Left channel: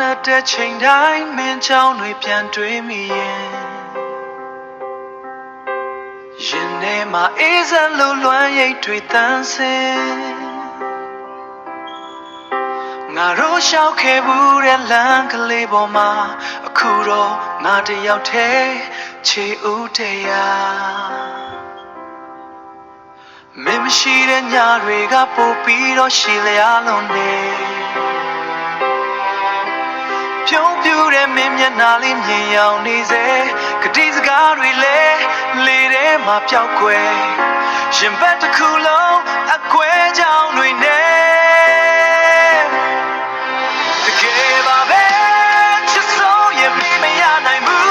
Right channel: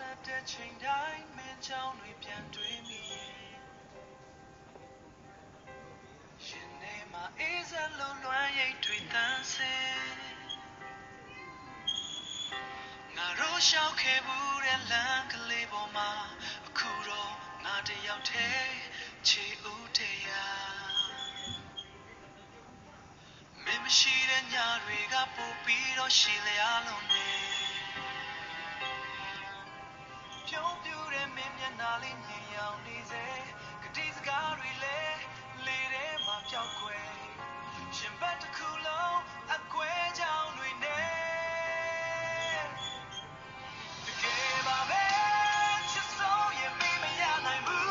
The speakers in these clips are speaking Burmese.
နဲ့တဲ့ချိန်တိုင်းမင်းချောင်းတွေပြန်တွေးမိရင်ထဲမှာအေးစက်လိုလွမ်းရိပ်တွေတန်းစင်ငါတို့ရှောက်ခဲ့ဘူးတဲ့လမ်းကလေးပေါ်မှာအခုတော့ငါတယောက်တည်းချေဦးတရားမင်းမရှိတဲ့ညတွေကပို့ပြီးတော့ရှည်လျားလုံးနေပြုံးပြူတဲ့မင်းမျက်နှာလေးမြင်ရောက်နေစေကတိစကားတွေလည်းလေထဲမှာပျောက်ကွယ်ရင်ဘက်တစ်ခုလုံးအကွဲကြောင်တွေနဲ့တကယ်ပါပဲချစ်ဆုံးရင်မရနိုင်ဘူး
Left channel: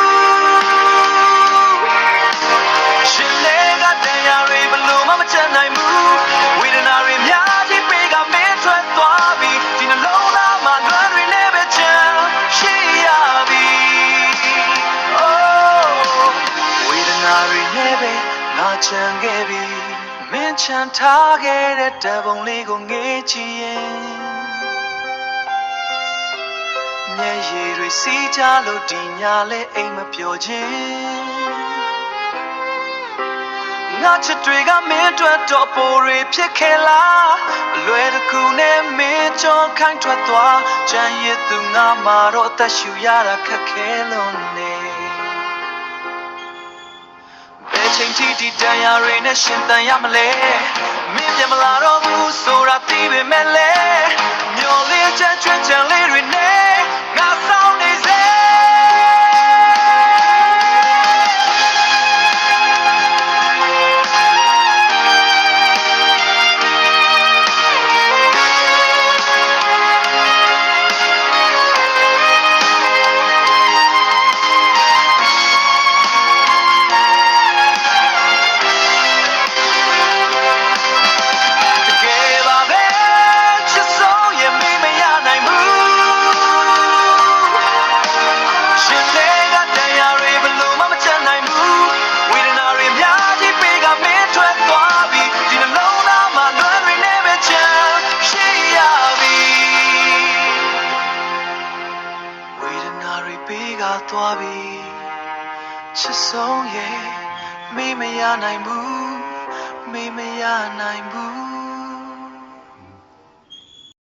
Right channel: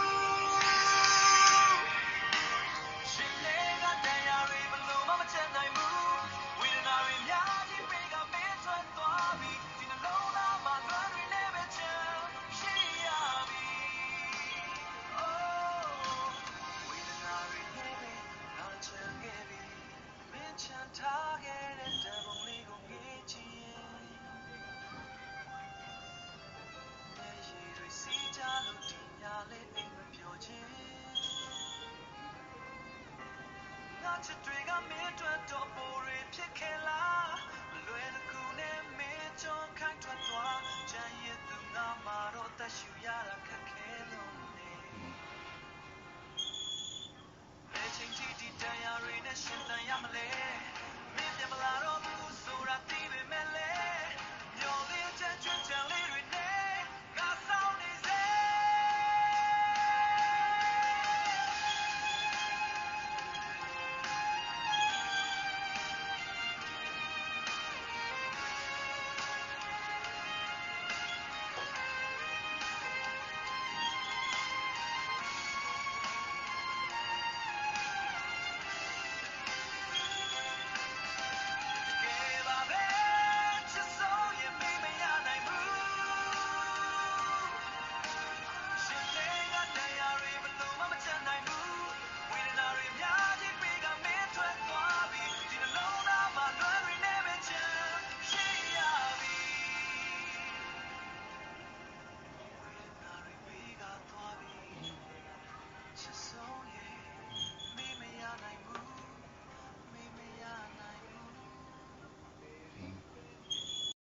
ရှင်လေးကတရားတွေဘလို့မှမချနိုင်ဘူးဝေဒနာတွေများကြီးပေးကမင်းထွက်သွားပြီဒီနှလုံးသားမှာလွမ်းတွေလည်းပဲချမ်းရှိရပြီဝေဒနာတွေလည်းပဲငါချမ်းခဲ့ပြီမင်းချမ်းထားခဲ့တဲ့တပုံလေးကိုငေးကြည့်ရင်မျက်ရည်တွေစီးကြလို့ဒီညလဲအိမ်မပျော်ခြင်းငါချစ်တွေကမင်းအတွက်တော့ပိုတွေဖြစ်ခဲ့လားအလွယ်တကူနဲ့မင်းကြောခိုင်းထွက်သွားကြံရည်သူငါမှာတော့အသက်ရှူရတာခက်ခဲလို့နေဘယ်ချိန်ထိဒီတရားတွေနဲ့ရှင်သန်ရမလဲမင်းပြန်မလာတော့ဘူးဆိုတာသိပေမဲ့လဲမျောလေးချက်ချွတ်ချန်လေးတွေနဲ့ငါဆောင်နေစေသွားပြီချစ်ဆုံးရဲ့မေးမရနိုင်ဘူးမေးမရနိုင်ဘူး